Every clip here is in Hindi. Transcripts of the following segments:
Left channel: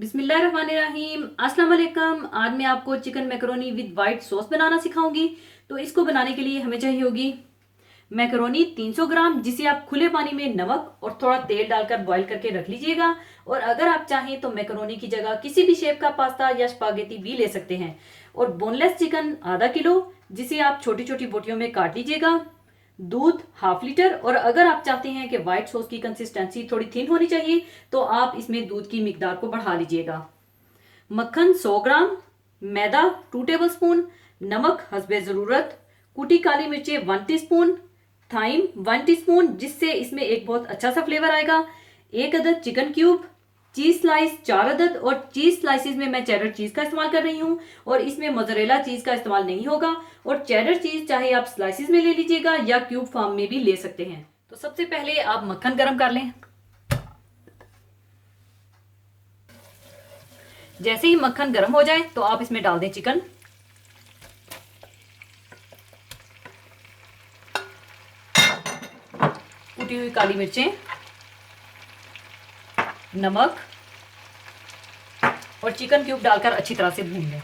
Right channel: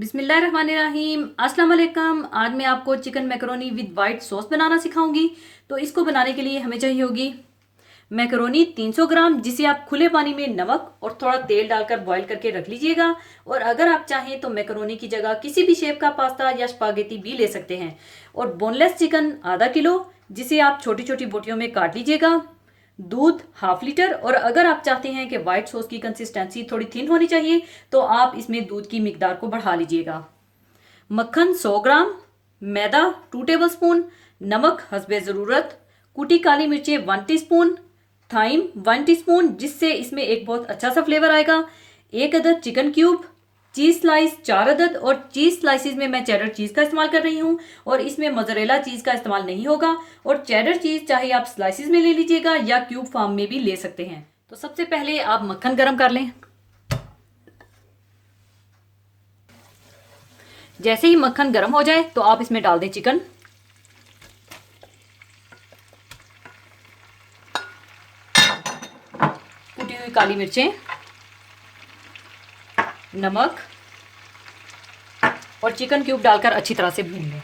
बिस्मिल्लाहिर्रहमानिर्रहीम। अस्सलाम वालेकुम। आज मैं आपको chicken macaroni with white sauce बनाना सिखाऊंगी। तो इसको बनाने के लिए हमें चाहिए होगी मैकरोनी 300 ग्राम, जिसे आप खुले पानी में नमक और थोड़ा तेल डालकर बॉईल करके रख लीजिएगा। और अगर आप चाहें तो मैकरोनी की जगह किसी भी शेप का पास्ता या स्पागेटी भी ले सकते हैं। और बोनलेस चिकन आधा किलो, जिसे आप छोटी छोटी बोटियों में काट लीजिएगा। दूध हाफ लीटर, और अगर आप चाहते हैं कि व्हाइट सॉस की कंसिस्टेंसी थोड़ी थिन होनी चाहिए तो आप इसमें दूध की मिकदार को बढ़ा लीजिएगा। मक्खन 100 ग्राम, मैदा 2 टेबलस्पून, नमक हस्बे ज़रूरत, कुटी काली मिर्चें 1 टीस्पून, थाइम 1 टीस्पून, जिससे इसमें एक बहुत अच्छा सा फ्लेवर आएगा। एक अदद चिकन क्यूब, चीज स्लाइस 4 अदद, और चीज स्लाइसिस में मैं चेडर चीज का इस्तेमाल कर रही हूँ और इसमें मोज़रेला चीज का इस्तेमाल नहीं होगा। और चेडर चीज चाहे आप स्लाइसिस में ले लीजिएगा या क्यूब फॉर्म में भी ले सकते हैं। तो सबसे पहले आप मक्खन गरम कर लें। जैसे ही मक्खन गरम हो जाए तो आप इसमें डाल दें चिकन। कुटी हुई काली मिर्चें, नमक और चिकन क्यूब डालकर अच्छी तरह से भून लें।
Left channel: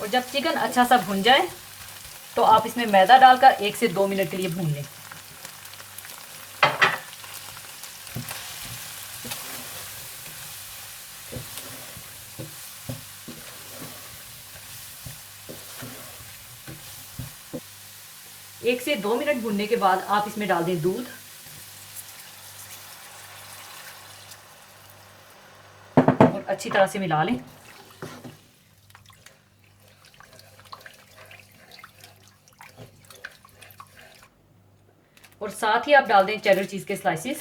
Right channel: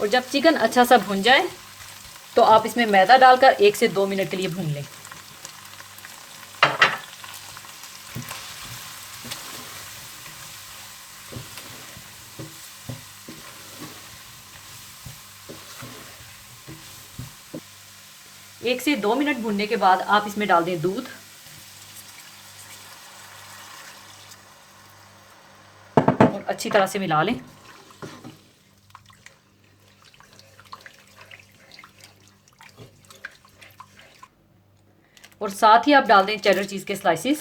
और जब चिकन अच्छा सा भुन जाए तो आप इसमें मैदा डालकर 1 से 2 मिनट के लिए भून लें। एक से 2 मिनट भूनने के बाद आप इसमें डाल दें दूध और अच्छी तरह से मिला लें। और साथ ही आप डाल दें चेडर चीज के स्लाइसिस।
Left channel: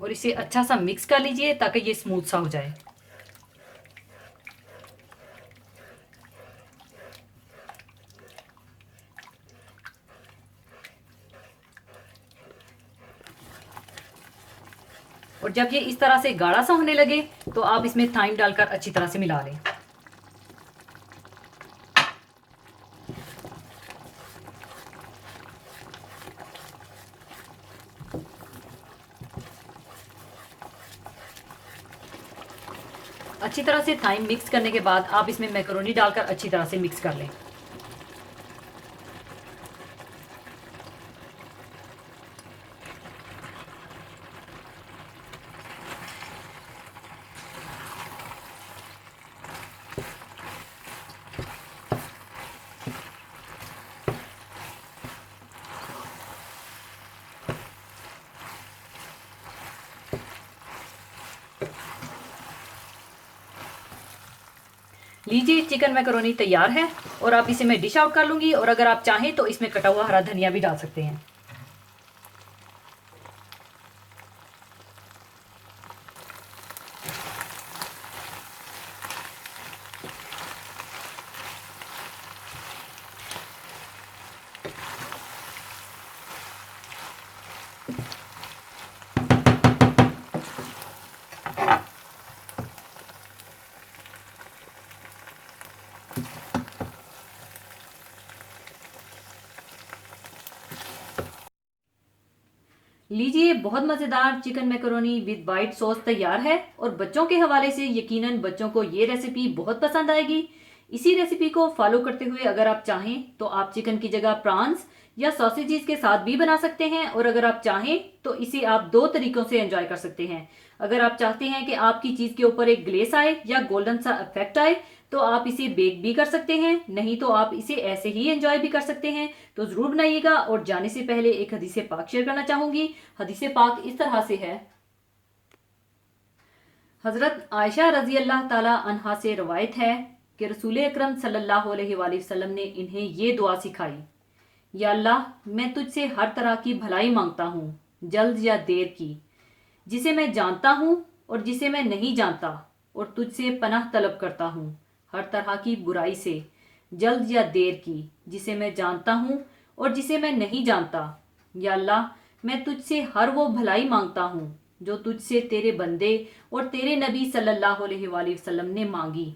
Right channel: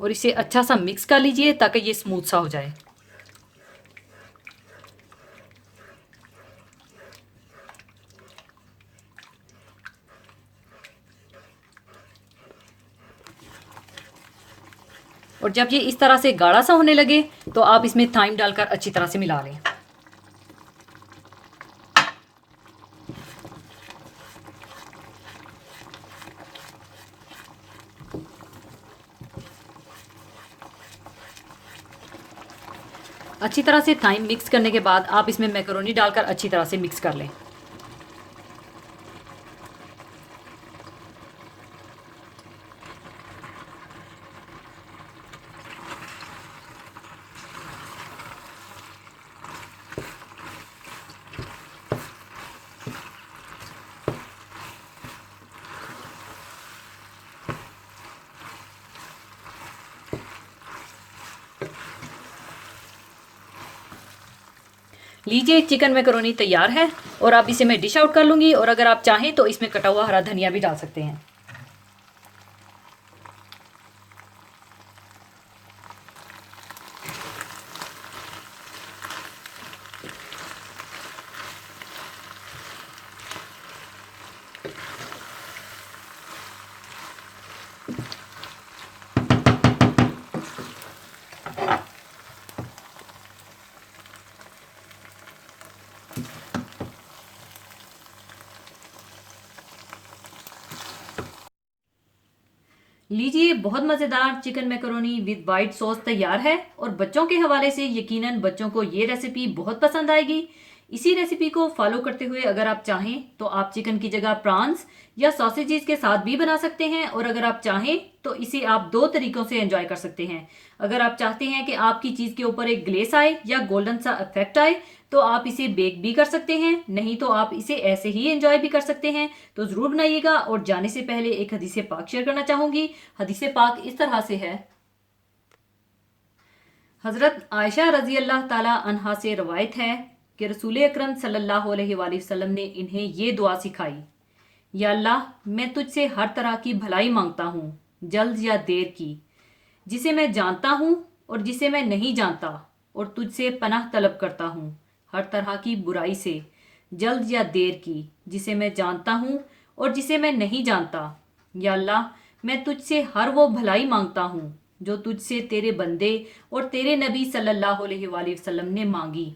और इसे अच्छा सा मिक्स कर लीजिए ताकि ये स्मूथ सा हो जाए। और जब ये इस तरह से गाढ़ा सा होने लगे तो आप इसमें थाइम डालकर अच्छी तरह से मिला लें। अच्छी तरह से थाइम मिक्स करने के बाद आप इसमें मैकरोनी डालकर अच्छी तरह से मिक्स कर लें। लीजिए, चिकन मैकरोनी तैयार है और अब इसे मैं डिश आउट कर लूँगी। और अगर आप चाहें तो इसमें कटा हुआ हरा धनिया भी डाल सकते हैं। लीजिए, बहुत मज़ेदार chicken macaroni with white sauce तैयार है। और बच्चों के हवाले से यकीनन बच्चों को ये रेसिपी बहुत पसंद आएगी। इसी रेसिपी को फॉलो करते हुए अगर आप चाहें तो आप चिकन की जगह प्रॉन्स या सॉसेजेस के साथ भी बना सकते हैं। और अगर आप चाहें तो इसे आप 2 तरीकों से एंजॉय कर सकते हैं। अगर आप चाहते हैं कि आपकी चीज़ के ऊपर एक ग्लेस आए या गोल्डन सा इफेक्ट आए तो आप इसे बेक भी कर सकते हैं, नहीं तो आप इसे ऐसे ही एंजॉय भी कर सकते हैं। तो ज़रूर बनाइएगा। और जाने से पहले एक हदीस पाक शेयर करना चाहूँगी। हदीस पाक इस तरह से है। हज़रत आयशा रज़ी अल्लाह ताला अन्हा से रवायत है कि रसूल अकरम सल्लल्लाहु अलैहि वसल्लम ने इन्हें ये दुआ सिखाई, या अल्लाह, मैं तुझसे हर तरह की भलाई मांगता हूँ, जल्द या देर की, जिसे मैं जानता हूँ और जिसे मैं नहीं जानता, और तुझसे पनाह तलब करता हूँ हर तरह की बुराई से, जल्द या देर की, जिसे मैं जानता हूँ और जिसे मैं नहीं जानता। या अल्लाह, मैं तुझसे हर वो भलाई मांगता हूँ जो तुझसे तेरे बंदे और तेरे नबी सल्लल्लाहु अलैहि वसल्लम ने मांगी,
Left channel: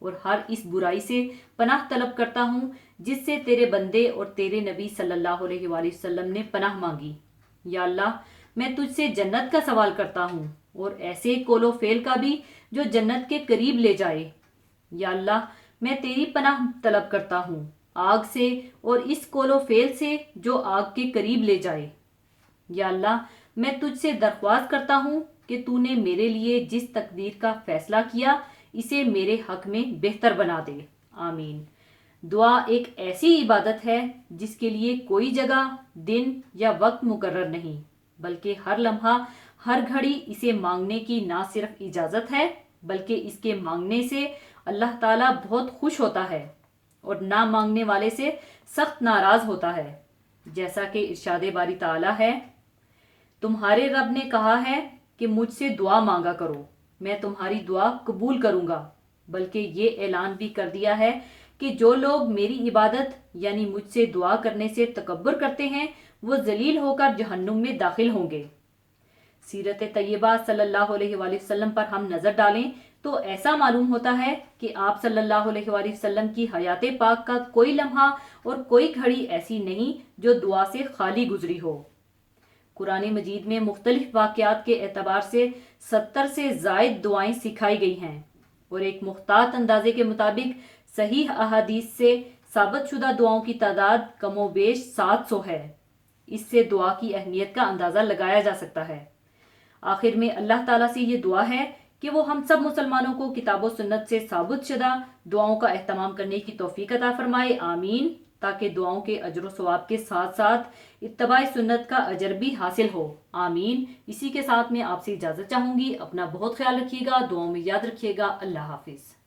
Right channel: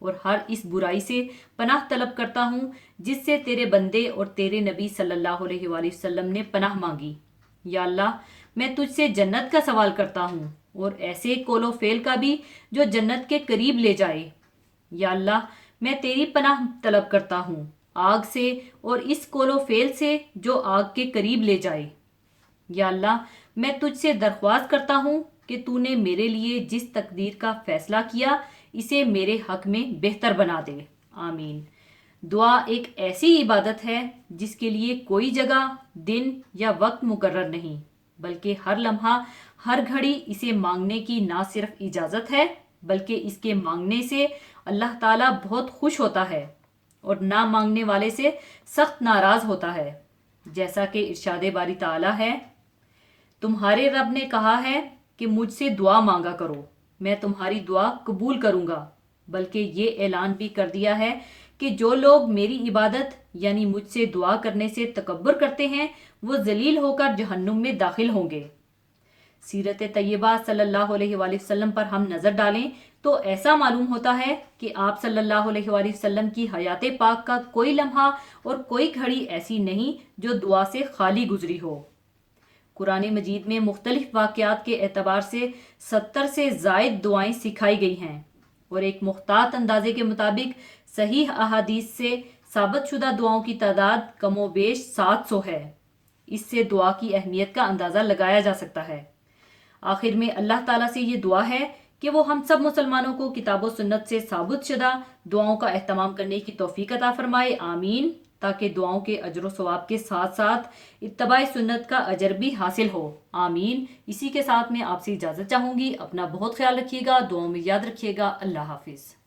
और हर इस बुराई से पनाह तलब करता हूँ जिससे तेरे बंदे और तेरे नबी सल्लल्लाहु अलैहि वसल्लम ने पनाह मांगी। या अल्लाह, मैं तुझसे जन्नत का सवाल करता हूँ और ऐसे कोलो फेल का भी जो जन्नत के करीब ले जाए। या अल्लाह, मैं तेरी पनाह तलब करता हूँ आग से और इस कोलो फेल से जो आग के करीब ले जाए। या अल्लाह, मैं तुझसे दरख्वास्त करता हूँ कि तूने मेरे लिए जिस तकदीर का फैसला किया इसे मेरे हक में बेहतर बना दे। आमीन। दुआ एक ऐसी इबादत है जिसके लिए कोई जगह, दिन या वक्त मुकर्रर नहीं, बल्कि हर लम्हा, हर घड़ी इसे मांगने की ना सिर्फ इजाज़त है, बल्कि इसके मांगने से अल्लाह ताला बहुत खुश होता है और ना मांगने वाले से सख्त नाराज होता है। जैसा कि इरशाद बारी ताला है, तुम्हारे रब ने कहा है कि मुझसे दुआ मांगा करो, मैं तुम्हारी दुआ कबूल करूंगा। बल्कि ये ऐलान भी कर दिया है कि जो लोग मेरी इबादत यानी मुझसे दुआ करने से तकब्बुर करते हैं वो जलील होकर जहन्नुम में दाखिल होंगे। सीरत तैयबा सल्लल्लाहु अलैहि वसल्लम पर हम नज़र डालें तो ऐसा मालूम होता है कि आप सल्लल्लाहु अलैहि वसल्लम की हयात पाक का कोई लम्हा और कोई घड़ी ऐसी नहीं जो दुआ से खाली गुजरी हो। कुरान मजीद में मुख्तलिफ वाक़यात के एतबार से 70 से ज़ायद दुआएं सिखाई गई हैं और एक मुख्तात अंदाजे के मुताबिक सही अहादीस से साबित शुदा दुआओं की तादाद कमोबेश 700 है। इससे दुआ की अहमियत का अंदाज़ा लगाया जा सकता है। आखिर में अल्लाह ताला से ये दुआ है कि वो हम सब मुसलमानों को किताब व सुन्नत से साबित शुदा दुआओं का एहतमाम करने की तौफीक अता फरमाए। आमीन। ताकि दुआओं के अजर व सवाब के साथ साथ इत्तबाए सुन्नत का अजर भी हासिल हो। आमीन। इसी के साथ मैं आपसे इजाज़त चाहूँगी। अपना बहुत ख्याल रखिएगा, दुआओं में याद रखिएगा। अल्लाह हाफिज़।